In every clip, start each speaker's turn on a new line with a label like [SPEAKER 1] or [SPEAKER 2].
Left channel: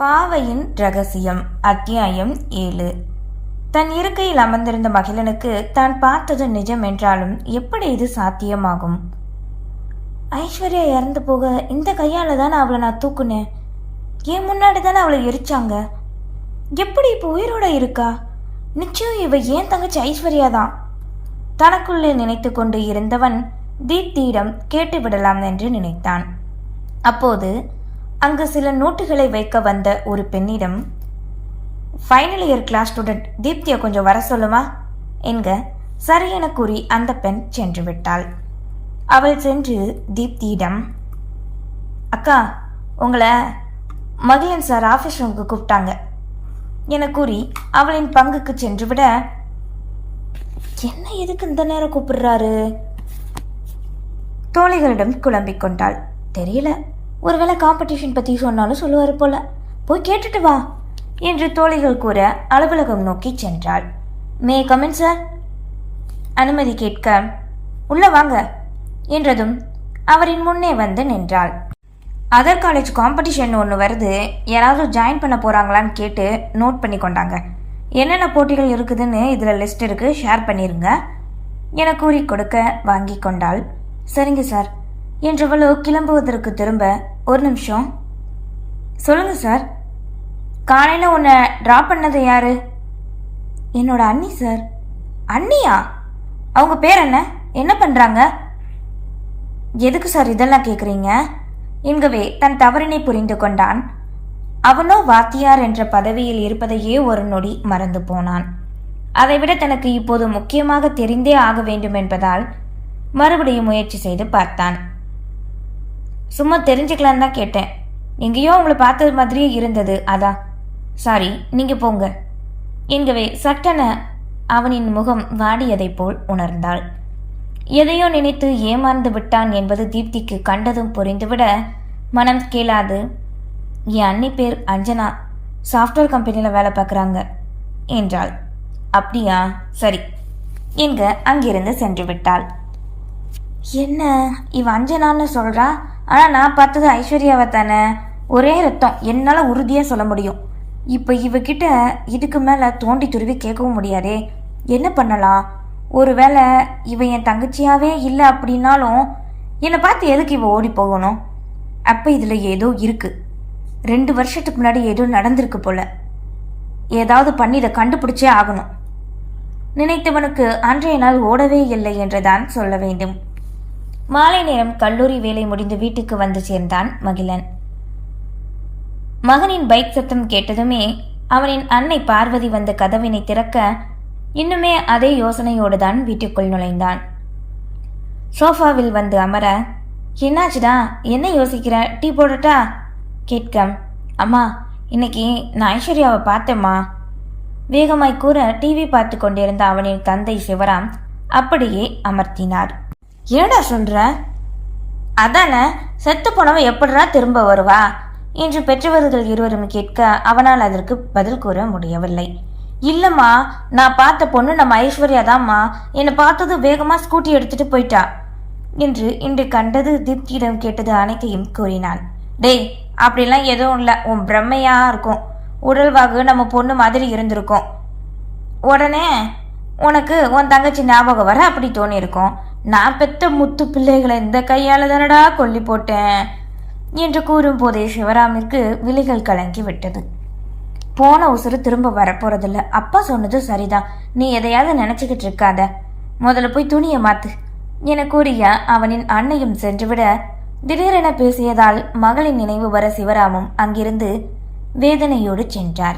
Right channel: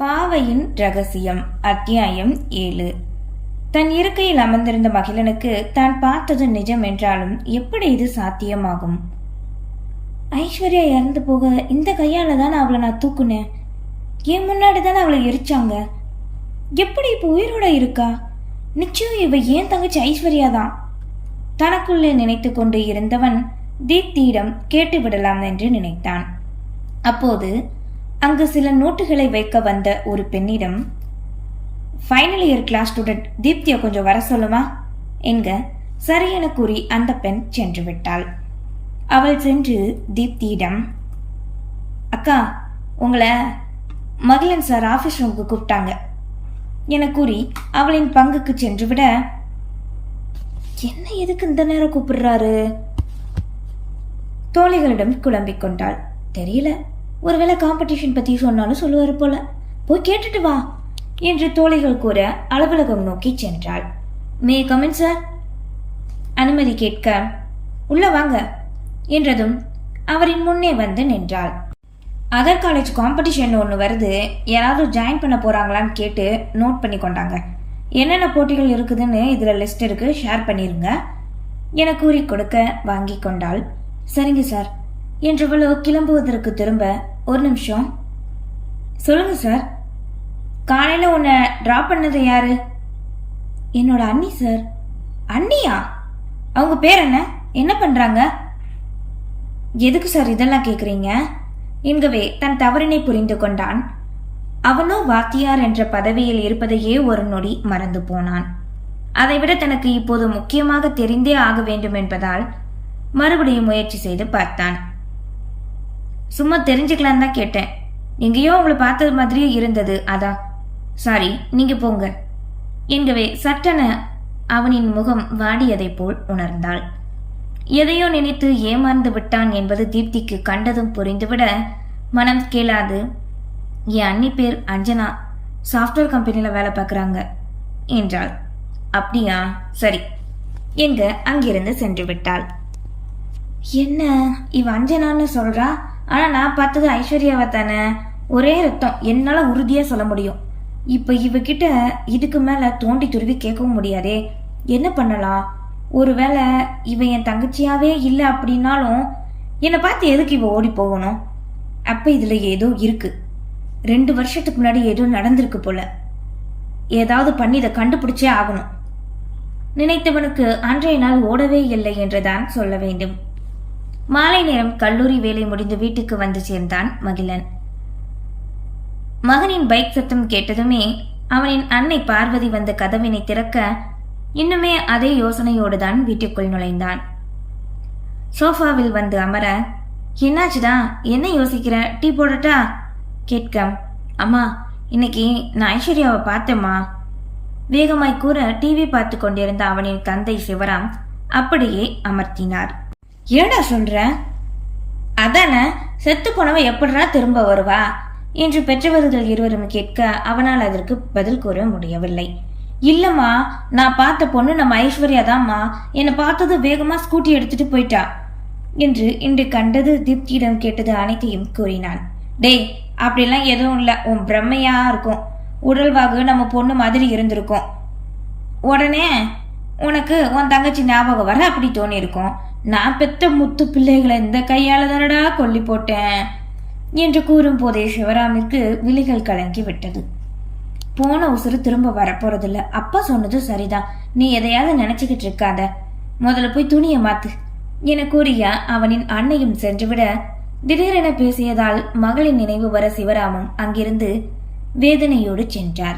[SPEAKER 1] பாவையின் ரகசியம் அத்தியாயம் ஏழு. தன் இருக்கையில் அமர்ந்திருந்த மகிழனுக்கு தான் பார்த்தது நிஜம் என்றாலும் எப்படி இது சாத்தியமாகும்? ஐஸ்வர்யா இறந்து போக இந்த கையால தான் அவளை நான் தூக்குனேன்? என் முன்னாடி தானே அவளை எரிச்சாங்க? எப்படி இப்போ உயிரோட இருக்கா? நிச்சயம் இவ ஏன் தங்கச்சி ஐஸ்வர்யா தான் தனக்குள்ளே நினைத்து கொண்டு இருந்தவன் தீப்தியிடம் கேட்டு விடலாம் என்று நினைத்தான். அப்போது அங்கு சில நோட்டுகளை வைக்க வந்த ஒரு பெண்ணிடம் ஃபைனல் இயர் கிளாஸ் ஸ்டூடெண்ட் தீப்தியை கொஞ்சம் வர சொல்லுமா? என்க சரியென கூறி அந்த பெண் சென்று விட்டாள். அவள் சென்று தீப்தியிடம் அக்கா உங்களை மகிழன் சார் ஆஃபீஸ் ரூமுக்கு கூப்பிட்டாங்க. என கூறி அவளின் பங்குக்கு சென்று விட என்ன எதுக்கு இந்த நேரம் கூப்பிடுறாரு? தோழிகளிடம் குழம்பிக் கொண்டாள். தெரியல ஒருவேளை காம்படிஷன் பற்றி சொன்னாலும் சொல்லுவார் போல. போய் கேட்டுட்டு வா என்று தோழிகள் கூற அலுவலகம் நோக்கி சென்றாள். மே கமெண்ட் சார் அனுமதி கேட்க உள்ள வாங்க என்றதும் அவரின் முன்னே வந்து நின்றாள். அதர் காலேஜ் காம்படிஷன் ஒன்று வருது யாராவது ஜாயின் பண்ண போகிறாங்களான்னு கேட்டு நோட் பண்ணி கொண்டாங்க. என்னென்ன போட்டிகள் இருக்குதுன்னு இதில் லிஸ்ட் இருக்கு ஷேர் பண்ணிடுங்க என கூறி கொடுக்க வாங்கி கொண்டாள். சரிங்க சார் என்றவளோ கிளம்புவதற்கு திரும்ப ஒரு நிமிஷம். சொல்லுங்க சார். காலையில் உன்னை ட்ராப் பண்ணது யாரு? என்னோட அண்ணி சார். அண்ணியா? அவங்க பேர் என்ன? என்ன பண்ணுறாங்க எதுக்கு சார் இதெல்லாம் கேட்குறீங்க என்கவே தன் தவறினை புரிந்து கொண்டான். அவனோ வாத்தியார் என்ற பதவியில் இருப்பதையே ஒரு நொடி மறந்து போனான். அதைவிட தனக்கு இப்போது முக்கியமாக தெரிந்தே ஆக வேண்டும் என்பதால் மறுபடியும் முயற்சி செய்து பார்த்தான். சும்மா தெரிஞ்சுக்கலான்னு தான் கேட்டேன். எங்கேயோ உங்களை பார்த்தது மாதிரியே இருந்தது அதான் சாரி நீங்க போங்க. என்கவே சட்டென அவனின் முகம் வாடியதைப் போல் உணர்ந்தாள். எதையோ நினைத்து ஏமாந்து விட்டான் என்பது தீப்திக்கு கண்டதும் புரிந்துவிட மனம் கேளாது. என் அண்ணி பேர் அஞ்சனா. சாஃப்ட்வேர் கம்பெனியில் வேலை பார்க்குறாங்க என்றாள். அப்படியா? சரி. என்க அங்கிருந்து சென்று விட்டாள். என்ன இவ அஞ்சனான்னு சொல்றா? ஆனால் நான் பார்த்தது ஐஸ்வர்யாவை தானே. ஒரே ரத்தம். என்னால் உறுதியாக சொல்ல முடியும். இப்போ இவகிட்ட இதுக்கு மேலே தோண்டி துருவி கேட்கவும் முடியாதே. என்ன பண்ணலாம்? ஒருவேளை இவன் என் தங்கச்சியாவே இல்லை அப்படின்னாலும் என்னை பார்த்து எதுக்கு இவ ஓடி போகணும்? அப்போ இதில் ஏதோ இருக்குது ரெண்டு வருஷத்துக்கு முன்னாடி ஏதோ நடந்திருக்கு போல. ஏதாவது பண்ணி இதை கண்டுபிடிச்சே ஆகணும். நினைத்தவனுக்கு அன்றைய நாள் ஓடவே இல்லை என்றுதான் சொல்ல வேண்டும். மாலை நேரம் கல்லூரி வேலை முடிந்து வீட்டுக்கு வந்து சேர்ந்தான் மகிழன். மகனின் பைக் சத்தம் கேட்டதுமே அவனின் அன்னை பார்வதி வந்த கதவினை திறக்க இன்னுமே அதே யோசனையோடு தான் வீட்டுக்குள் நுழைந்தான். சோஃபாவில் வந்து அமர என்னாச்சுடா? என்ன யோசிக்கிற? டீ போடட்டா கேட்க அம்மா இன்னைக்கு நான் ஐஸ்வர்யாவை பார்த்தேம்மா. வேகமாய் கூற டிவி பார்த்து கொண்டிருந்த அவனின் தந்தை சிவராம் அப்படியே அமர்த்தினார். ஏடா சொல்ற? அதானே செத்து போனவ எப்படிடா திரும்ப வருவா? என்று பெற்றவர்கள் இருவரும் கேட்க அவனால் அதற்கு பதில் கூற முடியவில்லை. இல்லம்மா நான் பார்த்த பொண்ணு நம்ம ஐஸ்வர்யா தான்மா என்னை பார்த்தது வேகமா ஸ்கூட்டி எடுத்துட்டு போயிட்டா. என்று இன்று கண்டது தீப்தியிடம் கேட்டது அனைத்தையும் கூறினான். டேய் அப்படிலாம் எதுவும் இல்லை. உன் பிரம்மையா இருக்கும். உடல்வாகு நம்ம பொண்ணு மாதிரி இருந்திருக்கும். உடனே உனக்கு உன் தங்கச்சி ஞாபகம் வர அப்படி தோணியிருக்கும். நான் பெத்த முத்து பிள்ளைகளை இந்த கையால் தானடா கொல்லி போட்டேன் என்று கூறும்போதே சிவராமிற்கு விழிகள் கலங்கி விட்டது. போன உசுறு திரும்ப வரப்போறதில்ல. அப்பா சொன்னது சரிதான். நீ எதையாவது நினைச்சுக்கிட்டு இருக்காத. முதல்ல போய் துணியை மாத்து என கூறிய அவனின் அன்னையும் சென்றுவிட திடீரென பேசியதால் மகளின் நினைவு வர சிவராமும் அங்கிருந்து வேதனையோடு சென்றார்.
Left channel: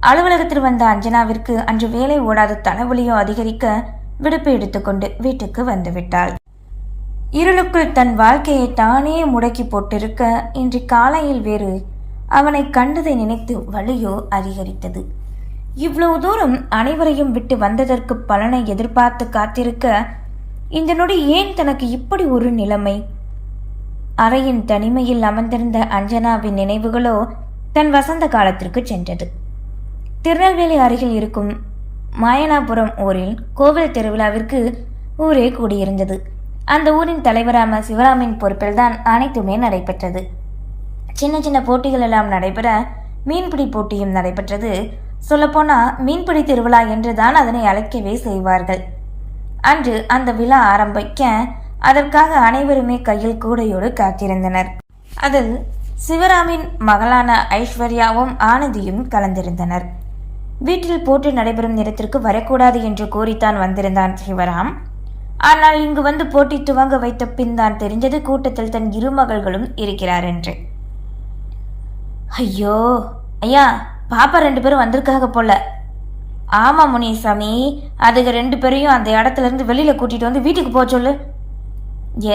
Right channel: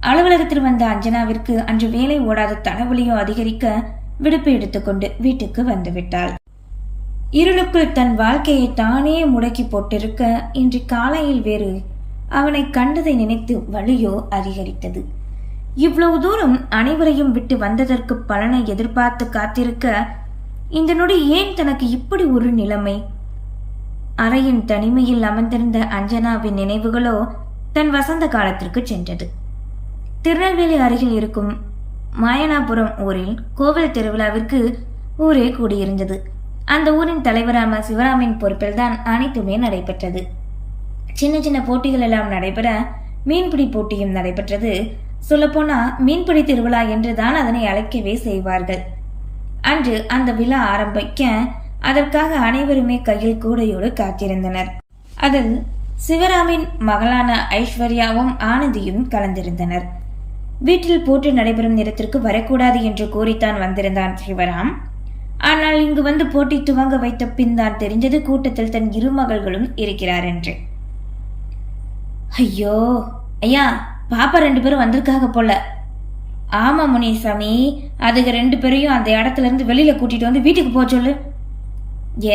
[SPEAKER 1] அலுவலகத்தில் வந்த அஞ்சனாவிற்கு அன்று வேலை ஓடாத தலைவலியோ அதிகரிக்க விடுப்பு எடுத்துக்கொண்டு வீட்டுக்கு வந்துவிட்டாள். இருளுக்குள் தன் வாழ்க்கையை தானே முடக்கி போட்டிருக்க இன்று காலையில் வேறு அவனை கண்டதை நினைத்து வலியோ அதிகரித்தது. இவ்வளவு தூரம் அனைவரையும் விட்டு வந்ததற்கு பலனை எதிர்பார்த்து காத்திருக்க இந்த நொடி ஏன் தனக்கு இப்படி ஒரு நிலைமை? அறையின் தனிமையில் அமர்ந்திருந்த அஞ்சனாவின் நினைவுகளோ தன் வசந்த காலத்திற்கு சென்றது. திருநெல்வேலி அருகில் இருக்கும் மாயனாபுரம் ஊரில் கோவில் திருவிழாவிற்கு ஊரே கூடியிருந்தது. அந்த ஊரின் தலைவரான சிவராமின் பொறுப்பில்தான் அனைத்துமே நடைபெற்றது. சின்ன சின்ன போட்டிகள் எல்லாம் நடைபெற மீன்பிடி போட்டியும் நடைபெற்றது. சொல்லப்போனால் மீன்பிடி திருவிழா என்றுதான் அதனை அழைக்கவே செய்வார்கள். அன்று அந்த விழா ஆரம்பிக்க அதற்காக அனைவருமே கையில் கூடையோடு காத்திருந்தனர். அதில் சிவராமின் மகளான ஐஸ்வர்யாவும் ஆனந்தியும் கலந்திருந்தனர். வீட்டில் போட்டு நடைபெறும் நேரத்திற்கு வரக்கூடாது என்று கூறித்தான் வந்திருந்தான் சிவராம். ஆனால் இங்கு வந்து போட்டி துவங்க வைத்த பின் தான் தெரிந்தது கூட்டத்தில் தன் இரு மகள்களும் இருக்கிறார் என்று. ஐயோ ஐயா பாப்பா ரெண்டு பேரும் வந்திருக்காக போல. ஆமா முனிசாமி அதுக்கு ரெண்டு பேரையும் அந்த இடத்துல இருந்து வெளியில கூட்டிட்டு வந்து வீட்டுக்கு போக சொல்லு.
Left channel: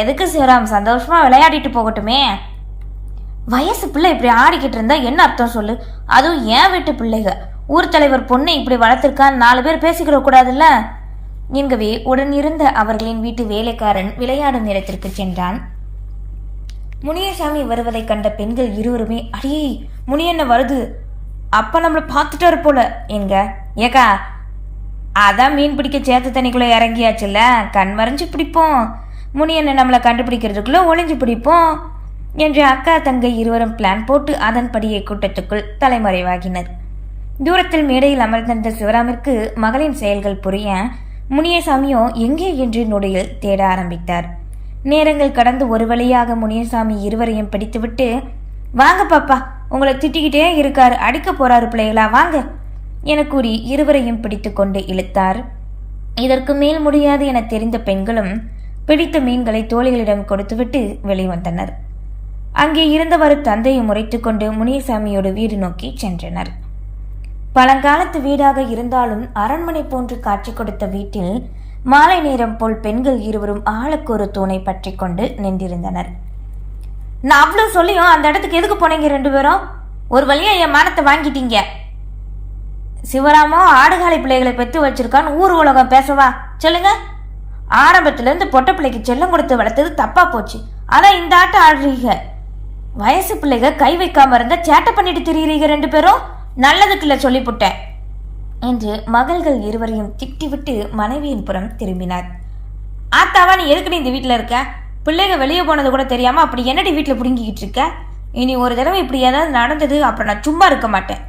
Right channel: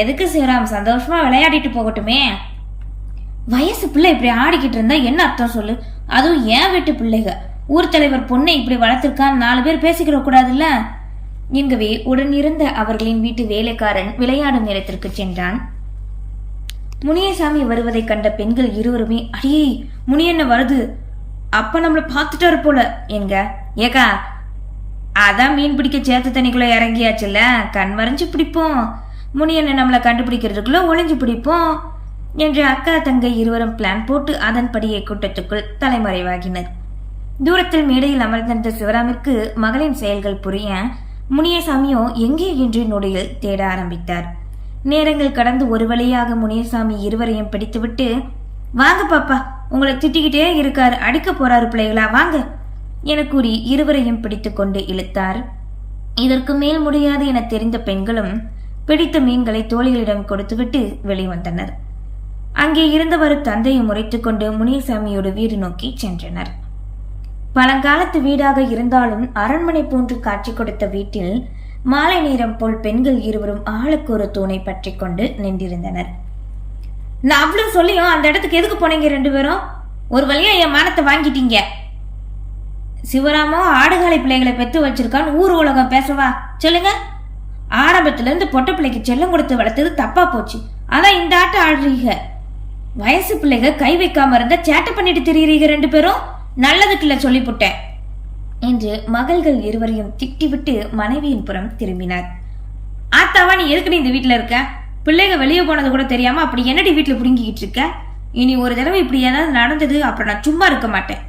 [SPEAKER 1] எதுக்கு சிவராம் சந்தோஷமா விளையாடிட்டு போகட்டுமே. வயசு பிள்ளை இப்படி ஆடிக்கிட்டு இருந்தா என்ன அர்த்தம் சொல்லு? அதுவும் என் வீட்டு பிள்ளைகள் ஊர் தலைவர் பொண்ணை இப்படி வளர்த்துருக்கான் நாலு பேர் பேசிக்கிற கூடாதுல்ல? என்கவே உடனிருந்த அவர்களின் வீட்டு வேலைக்காரன் விளையாடும் நேரத்திற்கு சென்றான். முனியசாமி வருவதைக் கண்ட பெண்கள் இருவருமே அடியே முனியண்ண வருது. அப்ப நம்மளை பார்த்துட்டாரு போல. எங்க ஏக்கா அதான் மீன் பிடிக்க சேத்து தண்ணிக்குள்ள இறங்கியாச்சுல்ல? கண் மறைஞ்சு பிடிப்போம். முனியண்ண நம்மளை கண்டுபிடிக்கிறதுக்குள்ள ஒளிஞ்சு பிடிப்போம். என்று அக்கா தங்கை இருவரும் பிளான் போட்டு அதன்படியே கூட்டத்துக்குள் தலைமறைவாகினர். தூரத்தில் மேடையில் அமர்ந்திருந்த சிவராமிற்கு மகளின் செயல்கள் புரிய முனியசாமியோ எங்கே என்று நொடியில் தேட ஆரம்பித்தார். நேரங்கள் கடந்து ஒரு வழியாக முனியசாமி இருவரையும் பிடித்துவிட்டு வாங்க பாப்பா உங்களை திட்டிக்கிட்டே இருக்காரு அடிக்க போறாரு பிள்ளைகளா வாங்க என கூறி இருவரையும் பிடித்து கொண்டு இழுத்தார். இதற்கு மேல் முடியாது என தெரிந்த பெண்களும் பிடித்த மீன்களை தோழிகளிடம் கொடுத்துவிட்டு வெளிவந்தனர். அங்கே இருந்தவர் தந்தையை முறைத்துக்கொண்டு முனியசாமியோடு வீடு நோக்கி சென்றனர். பழங்காலத்து வீடாக இருந்தாலும் அரண்மனை போன்று காட்சி கொடுத்த வீட்டில் மாலை நேரம் போல் பெண்கள் இருவரும் ஆளுக்கு ஒரு தூணை பற்றி கொண்டு நின்றிருந்தனர். நான் அவ்வளவு சொல்லியும் அந்த இடத்துக்கு எதுக்கு போனீங்க ரெண்டு பேரும்? ஒரு வழியா என் மானத்தை வாங்கிட்டீங்க. சிவராமோ ஆடுகாலை பிள்ளைகளை பெற்று வச்சிருக்கான்னு ஊர் உலகம் பேசவா? சொல்லுங்க. ஆரம்பத்துல இருந்து பொட்ட பிள்ளைக்கு செல்லம் கொடுத்து வளர்த்தது தப்பா போச்சு. அதான் இந்த ஆட்டம் ஆடுறீங்க வயசு பிள்ளைக கை வைக்காம இருந்தா சேட்டை பண்ணிட்டு திரியுறீங்க ரெண்டு பேரும். நல்லதுக்குள்ள சொல்லிப்புட்டேன் என்று மகள்கள் இருவரையும் திட்டிவிட்டு மனைவியின் புறம் திரும்பினார். ஆத்தாவா நீ எதுக்கு நீ இந்த வீட்டில் இருக்க? பிள்ளைங்க வெளியே போனது கூட தெரியாம அப்படி என்னடி வீட்டில் புடுங்கிக்கிட்டு இருக்க? இனி ஒரு தடவை இப்படி ஏதாவது நடந்தது அப்புறம் நான் சும்மா இருக்க மாட்டேன்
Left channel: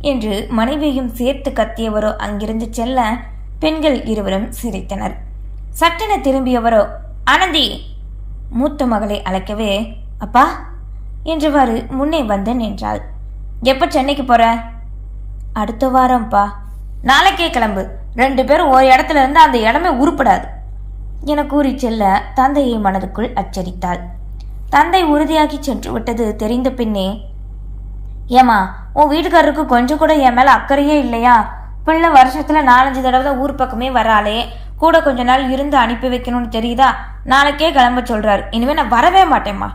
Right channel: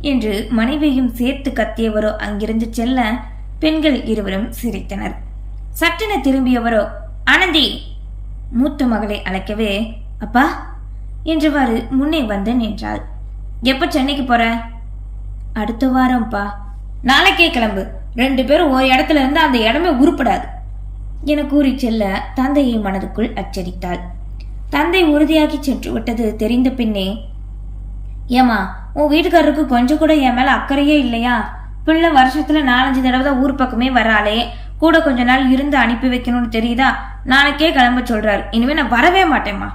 [SPEAKER 1] என்று மனைவியையும் சேர்த்து கத்தியவரோ அங்கிருந்து செல்ல பெண்கள் இருவரும் சிரித்தனர். சட்டென திரும்பியவரோ ஆனந்தி மூத்த மகளை அழைக்கவே அப்பா! என்றவாறு முன்னே வந்து நின்றாள். எப்போ சென்னைக்கு போகிற அடுத்த வாரம்ப்பா. நாளைக்கே கிளம்பு. ரெண்டு பேரும் ஒரு இடத்துல இருந்து அந்த இடமே உருப்படாது. என கூறி செல்ல தந்தையை மனதுக்குள் அச்சரித்தாள் தந்தை உறுதியாகி சென்று விட்டது தெரிந்த பின்னே ஏமா உன் வீட்டுக்காரருக்கு கொஞ்சம் கூட என் மேலே அக்கறையே இல்லையா? பிள்ளை வருஷத்துல நாலஞ்சு தடவை தான் ஊர் பக்கமே வராளே. கூட கொஞ்ச நாள் இருந்து அனுப்பி வைக்கணும்னு தெரியுதா? நாளைக்கே கிளம்ப சொல்றாரு. இனிமே நான் வரவே மாட்டேம்மா.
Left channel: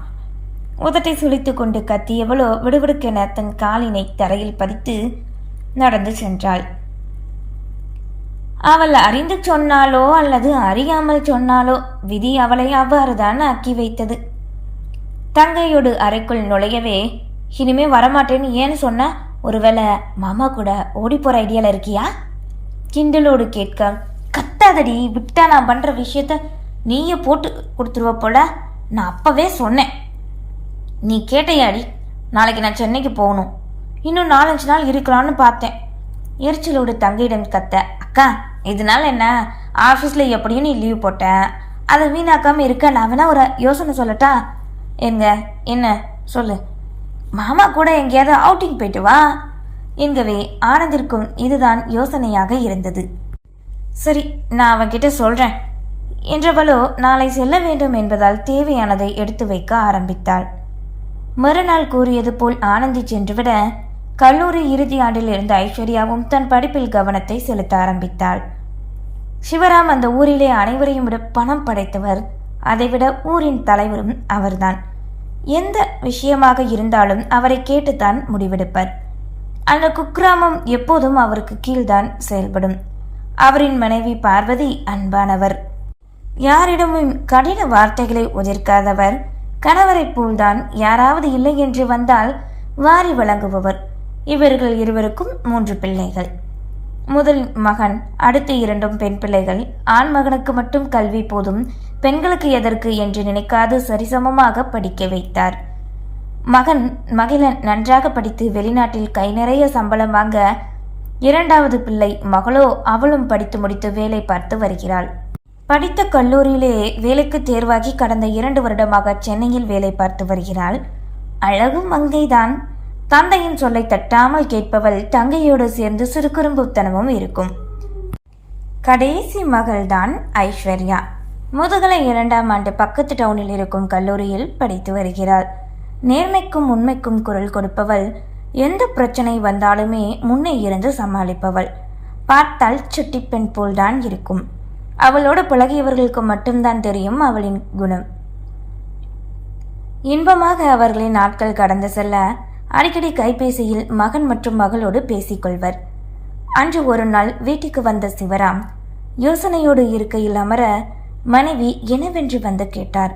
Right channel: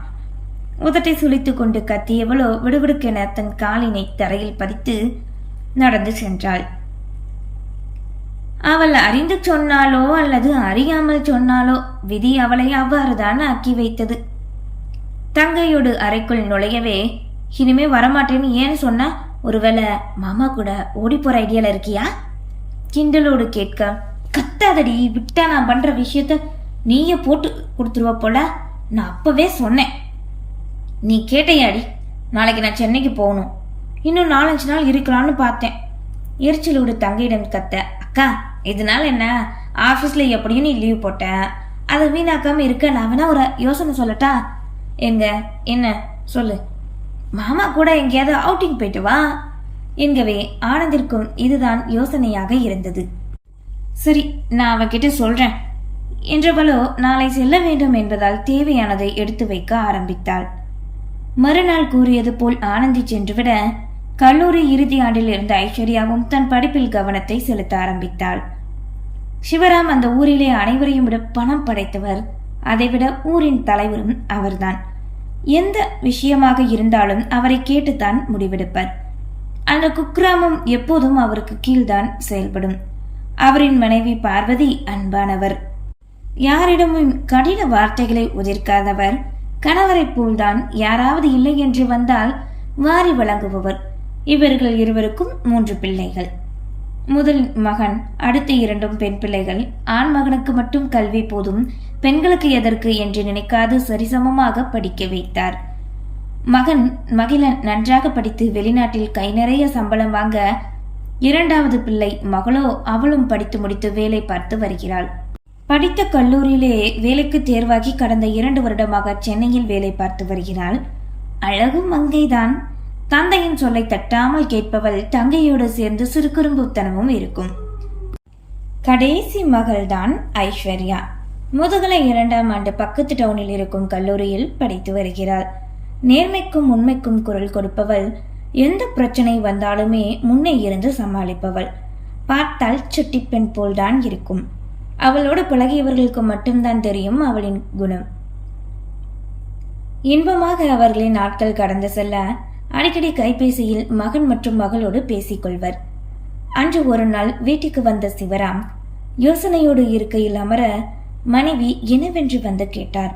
[SPEAKER 1] உதட்டை சுளித்து கொண்டு கத்தியவளோ விடுவிடுக்கென தன் காலினை தரையில் பதித்து நடந்து சென்றாள். அவள் அறிந்து சொன்னாலோ அல்லது அறியாமல் சொன்னாலோ விதி அவளை அவ்வாறுதான் ஆக்கி வைத்தது. தங்கையோடு அறைக்குள் நுழையவே இனிமே வரமாட்டேன்னு ஏன்னு சொன்ன ஒருவேளை மாமா கூட ஓடி போற ஐடியால இருக்கியா? கிண்டலோடு கேட்க கத்தாதடி விட்டா நான் பண்ற விஷயத்த நீயே போட்டு கொடுத்துருவ போல. நான் அப்பவே சொன்னேன். நீ கேட்டையாடி நாளைக்கு நான் சென்னைக்கு போகணும். இன்னும் நாலஞ்சு நாள் இருக்கலாம்னு பார்த்தேன். எரிச்சலோடு தங்கையிடம் கத்த அக்கா இதனால என்ன? ஆஃபீஸில் எப்படியும் நீ லீவ் போட்ட. அதை வீணாக்காமல் இருக்க நான் வேணா ஒரு யோசனை சொல்லட்டா? எங்க? என்ன? சொல்லு. மாமா கூட எங்கேயாவது அவுட்டிங் போயிட்டு வா. என்கவே ஆனந்திற்கும் இதுதான் யோசனையாக இருந்தது. சரி நான் அவன்கிட்ட சொல்கிறேன் என்றவளோ நாளை செல்ல வேண்டும் என்பதால் தேவையானதை எடுத்து வைக்க ஆரம்பித்தாள். மறுநாள் கூறியது போல் ஆனந்தி சென்றுவிட கல்லூரி இறுதி ஆண்டில் இருந்த ஐஸ்வர்யாவும் தன் படிப்பில் கவனத்தை செலுத்த ஆரம்பித்தாள். சிவராம் அந்த ஊரிலே அனைவரையும் விட பணம் படைத்தவர் அதைவிட ஊரின் தலைவரும் அவர்தான். எந்த விஷயமாக இருந்தாலும் அவரை கேட்டுத்தான் முடிவெடுப்பர். அந்த குக்கிராமம் எப்போதும் அவருக்கு கீழ்தான் செயல்படும். அவரின் மனைவி பார்வதி அன்பானவர். யாரிடமும் கடின வார்த்தைகளை உதிர்க்காதவர். கணவரைப் போல்தான் யாராவது இல்லை என்று வந்தால் வாரி வழங்குபவர். இவர்கள் இருவருக்கும் மூன்று பிள்ளைகள். முதல் மகன் அடுத்த இரண்டும் பெண் பிள்ளைகள். ஆண் மகனுக்கு மட்டும் கல்வி போதும். பெண்களுக்கு எதற்கு என்று நினைக்காது சரிசமமாக படிக்க வைத்தார். மகன் மகிழன் நன்றாக படித்து வெளிநாட்டில் கை நிறைய சம்பளம் வாங்க இரண்டாவது பிள்ளை மகளோ அவளும் படித்து முடித்து வேலை பார்த்து வருகிறாள். படித்த கல்லூரியிலே வேலைக்கு தேர்வாகி கடந்த இரண்டு வருடமாக சென்னையில் வேலை பார்த்து வருகிறாள். அழகு மங்கைதான். தந்தையின் சொல்லை தட்டாமல் கேட்பவள் தங்கையோடு சேர்ந்து சுறுக்குறும்புத்தனமும் இருக்கும். கடைசி மகள்தான் ஐஸ்வர்யா. முதுகலை இரண்டாம் ஆண்டு பக்கத்து டவுனில் இருக்கும் கல்லூரியில் படித்து வருகிறாள். நேர்மைக்கும் உண்மைக்கும் குரல் கொடுப்பவள். எந்த பிரச்சனை வந்தாலுமே முன்னே இருந்து சமாளிப்பவள். பார்த்தால் சுட்டி பெண் போல்தான் இருக்கும். அவளோடு பழகியவர்களுக்கு மட்டும்தான் தெரியும் அவளின் குணம். இன்பமாக அவர்களின் நாட்கள் கடந்து செல்ல அடிக்கடி கைபேசியில் மகன் மற்றும் மகளோடு பேசிக்கொள்வர். அன்று ஒரு நாள் வீட்டுக்கு வந்த சிவராம் யோசனையோடு இருக்கையில் அமர மனைவி என்னவென்று வந்து கேட்டார்.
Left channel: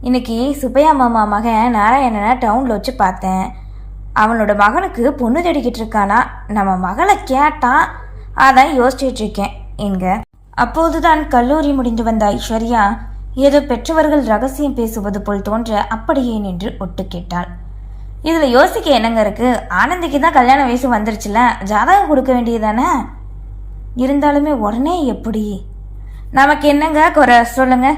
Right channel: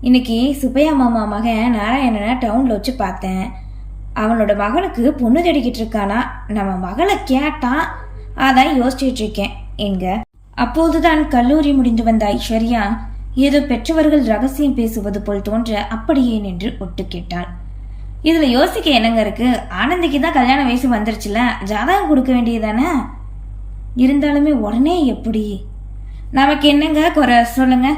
[SPEAKER 1] இன்னைக்கு சுப்பையா மாமா மகன் நாராயணனை டவுன்ல வச்சு பார்த்தேன். அவனோட மகனுக்கு பொண்ணு தேடிக்கிட்டு இருக்கானா? நம்ம மகளை கேட்டான். அதான் யோசிச்சுட்டு இருக்கேன். என்க அப்போதுதான் கல்லூரி முடிந்து வந்த ஐஸ்வர்யா ஏதோ பெற்றவர்கள் ரகசியம் பேசுவது போல் தோன்ற அப்படியே நின்று ஒட்டு கேட்டாள். இதில் யோசிக்க என்னங்க இருக்கு? ஆனந்திக்கு தான் கல்யாண வயசு வந்துருச்சுல ஜாதகம் கொடுக்க வேண்டியதானே இருந்தாலுமே உடனே எப்படி? நமக்கு என்னங்க குறை? சொல்லுங்க.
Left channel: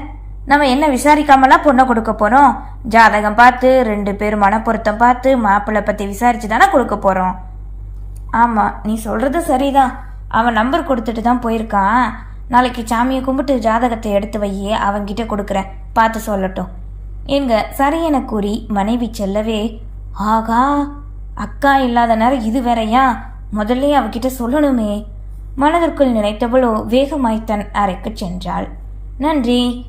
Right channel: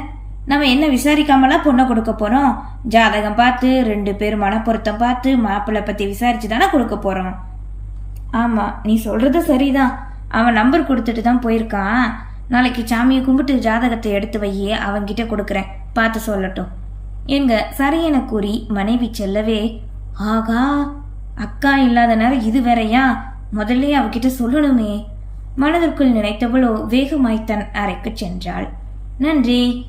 [SPEAKER 1] நம்ம என்ன விசாரிக்காமலாம் பொண்ணை கொடுக்க போகிறோம் ஜாதகம் பார்த்து ரெண்டு பேர் மனப்பொருத்தம் பார்த்து மாப்பிள்ளை பற்றி விசாரிச்சு தானே கொடுக்க போகிறோம் ஆமாம் நீ சொல்கிறது சரிதான். அவன் நம்பர் கொடுத்துட்டு தான் போயிருக்கான். நாளைக்கு சாமியை கும்பிட்டு ஜாதகத்தை எடுத்து வையே அவன்கிட்ட கொடுக்குறேன். பார்த்து சொல்லட்டும். எங்க சரியென கூறி மனைவி செல்லவே ஆகா அக்கா இல்லாத நேரம் இது வேறையா? முதல்ல அவகிட்ட சொல்லணுமே. மனதிற்குள் நினைத்தவளோ வேகமாய் தன் அறைக்கு சென்றாள். நன்றி